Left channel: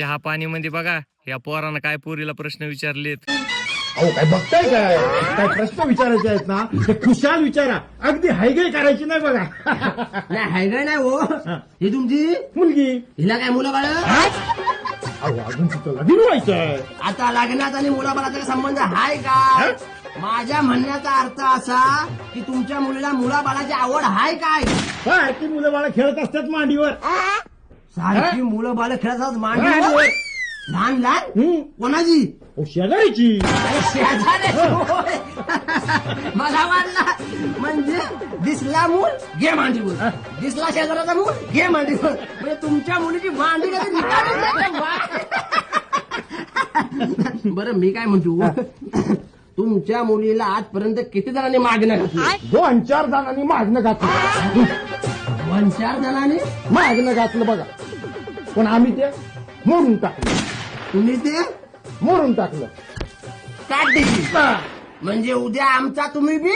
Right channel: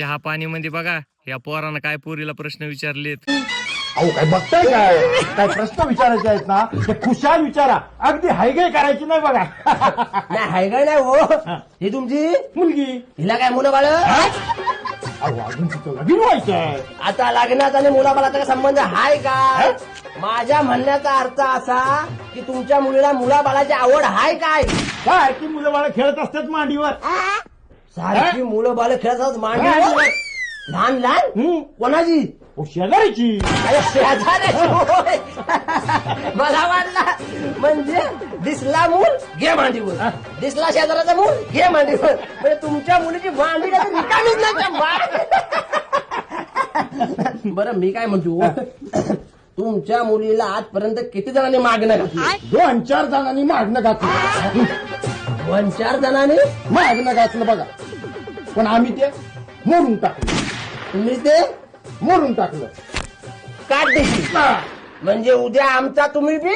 चहा पाणी मध्ये बघा या पोरानं काय पोरीला प्रश्न विचारलेत. अहो काय बघताय काय काय प्रश्न विचारायचे आहेत ना ते खुशाल विचारा. अगदी हायगाय करायची नाही बघा. नाही हायगाय नाही हो. ही तुमची मुलगी हिला काय मुलं बाळ? अहो अजून तिथं लगीन व्हायचंय. आता लग्नाचा आणि मुलाबाळाचा काय संबंध हाय काय? माझ्या म्हणण्याचा अर्थ असा की तुमच्या मुलीला मुलाबाळाची आवड हाय काय? काय ती मुलं बाळा खेळत असतात मांडीवर. सारखी मुलं बाळ खेळतात मांडीवर. लहान लहान कोणाची? हो शेजारीची. अरे शेजारी होय. मला वाटला म्हणजे दिसला मूल घे मांडीवर, दिसला शेजाराचा मूल घे मांडीवर. म्हणजे तुमच्या मुलीची मांडी काय रिकामीच नाही का? बरं मी काय म्हणतो तुमच्या मुलीला आजपर्यंत किती जणांनी मागणं घातली? 2-4 जणांनी मागणं घातलं. 2-4 जणांनी मागणं घातलं बघा. पण आम्ही ते मोडून टाकलं. तुम्ही ते मोडून टाकलं. काट दिली म्हणजे उद्या आमचा तुम्ही बी